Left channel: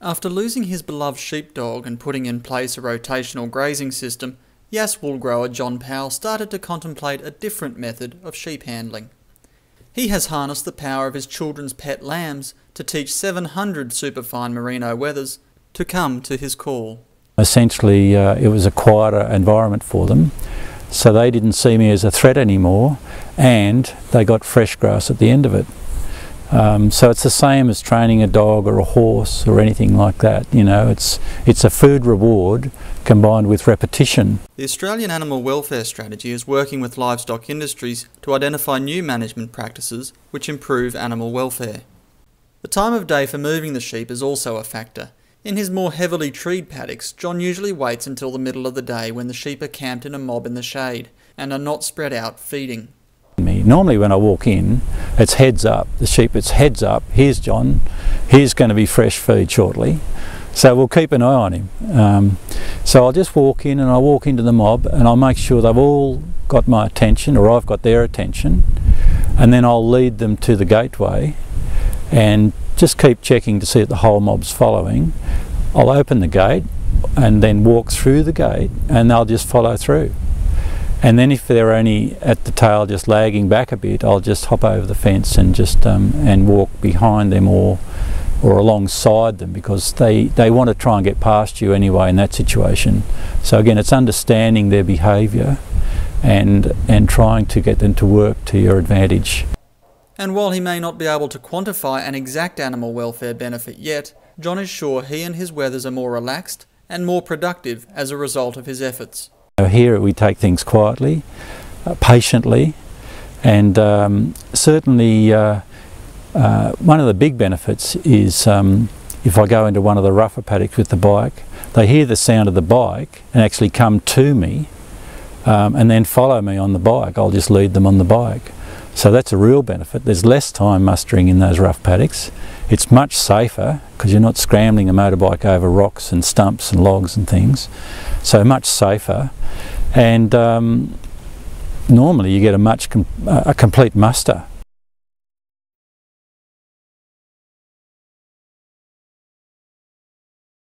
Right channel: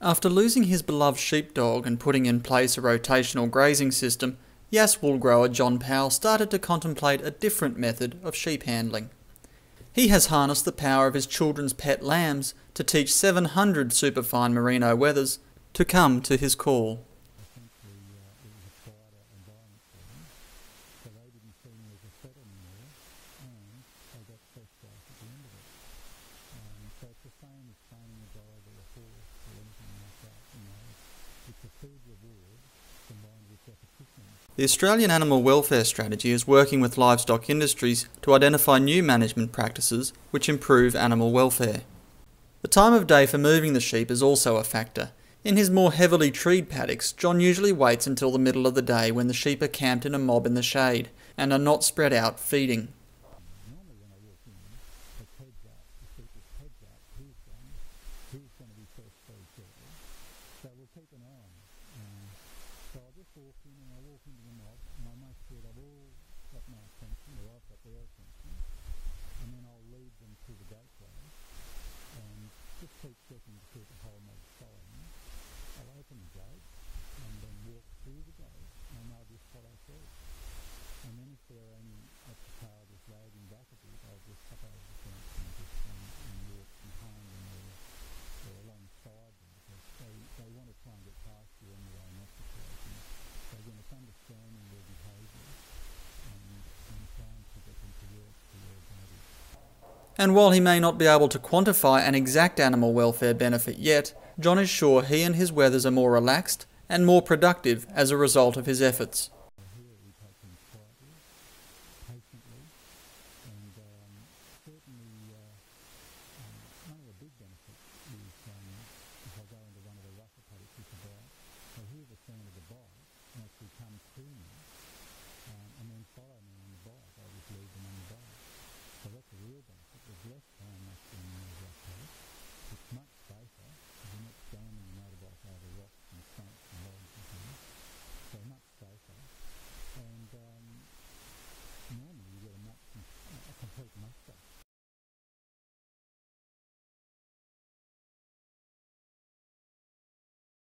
After losing his beloved sheepdog and putting in place a rotational grazing system, Yass wool grower John Powell started to contemplate a different method of sheep handling. He has harnessed the power of his children's pet lambs to teach 700 superfine Merino wethers to come to his call. Essentially, it was a quieter environment for them, so they didn't see me as a threat anymore, and they got fresh grass at the end of it. So it's the same as training a dog or a horse or anything like that. You know, it's a food reward combined with repetition. The Australian Animal Welfare Strategy is working with livestock industries to identify new management practices which improve animal welfare. The time of day for moving the sheep is also a factor. In his more heavily treed paddocks, John usually waits until the middle of the day when the sheep are camped in a mob in the shade and are not spread out feeding. Normally when I walk in, it's heads up. The sheep, it's heads up. Here's John. Here's going to be fresh feed shortly. So we'll keep an eye on him. So I'll just walk in and I'll walk into the mob and I'll make sure they've all got my attention, or I've got their attention, and then I'll lead them to the gateway and just keep checking to see that the whole mob's following. I'll open the gate and then walk through the gate and they'll just follow through. And then if they're only at the tail just lagging back a bit, I'll just hop over the fence and just and walk behind them or alongside them, because they want to try and get past you anyway in that situation. So again, it's understanding their behaviour and trying to get them to work to your advantage. And while he may not be able to quantify an exact animal welfare benefit yet, John is sure he and his wethers are more relaxed and more productive as a result of his efforts. Here we take things quietly, patiently, and certainly one of the big benefits is if I go into one of the rougher paddocks with the bike, they hear the sound of the bike and actually come to me and then follow me on the bike. I'll just lead them on the bike. So that's a real benefit. There's less time mustering in those rough paddocks. It's much safer because you're not scrambling a motorbike over rocks and stumps and logs and things. So much safer, and normally you get a complete muster.